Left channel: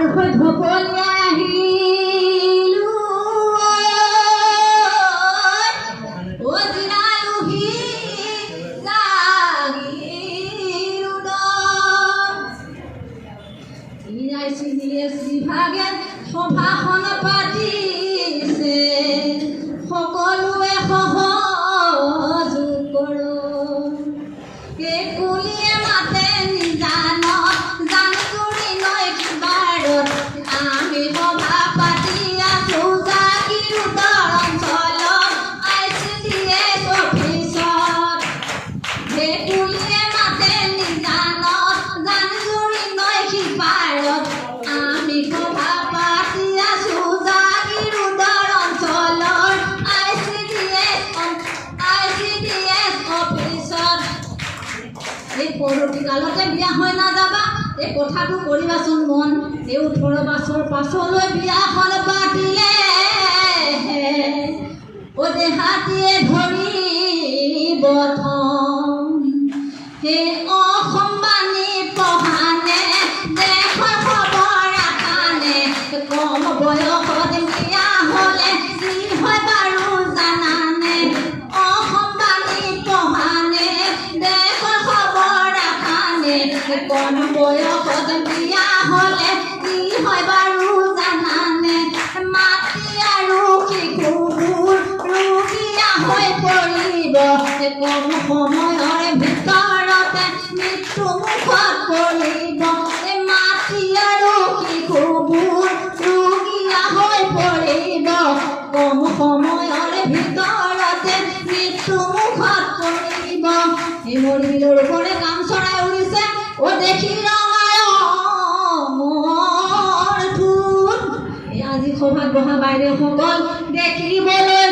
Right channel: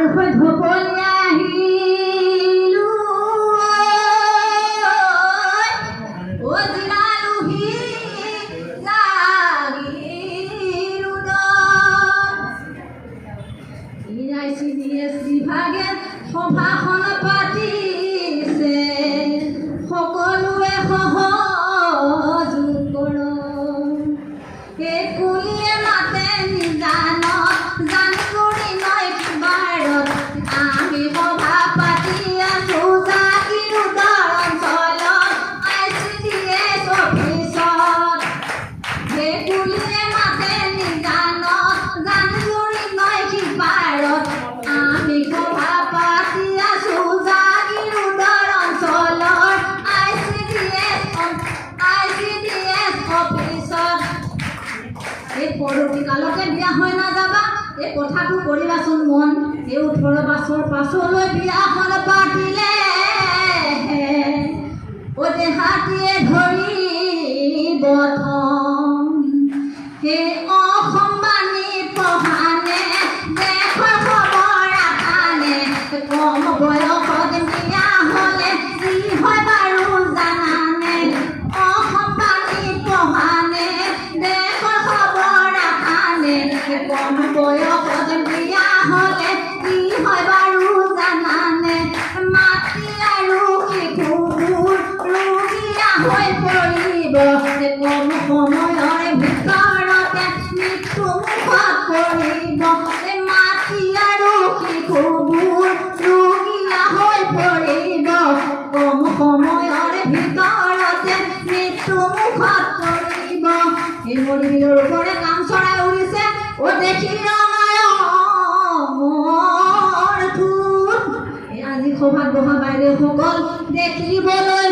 আৰু হৈ ঢপলি আহিলো ও জিলালুহি জাগিৰো ICDS বিভাগে সভাখন পাতিছে সকলোৱে সহযোগ কৰক এই কুলিয়ে মাতে নিজান জান কৰি নয় কিবাৰত আমি সভা পাতি আছো জাগিৰো অঞ্চলত ICDS অফিচত সেই কুলিয়ে মাতে নিজান জান কৰি নয় কিবাৰত আমি সভা পাতি আছো জাগিৰো অঞ্চলৰ ICDS অফিচত এই পৰৱৰ্তী কালতে বিয়া হৈ নাযাবা এই কথাটো কৰিবাচোন মন এই 18 বছৰ পাছলৈ বিয়াখন পাতিলে ও দেহাতীয়ে ধৰিব থম সেই অসম্মানী পঢ়ানে দেশৰ খবৰ আখানে কম বয়সত বিয়া হ'লে কি হয় বাৰু জানানে অসম্মানী পঢ়ানে দেশৰ খবৰ আখানে কম বয়সত বিয়া হ'লে কি হয় বাৰু জানানে মাতৃ আৰু শিশুবোৰ ৰোগীয়া হৈ পৰিব কম সময়ৰ ভিতৰতে মৃত্যু মুখত পৰিব মাতৃ আৰু শিশুবোৰ ৰোগীয়া হৈ পৰিব কম সময়ৰ ভিতৰতে মৃত্যু মুখত পৰিব এই মৰিবিলৰ ওপৰে কাম চৰাই উৰিছে ও দেখি ৰঙাৰ ফুল আজি সভাত বহা বাইদেউসকল দেখিবলৈ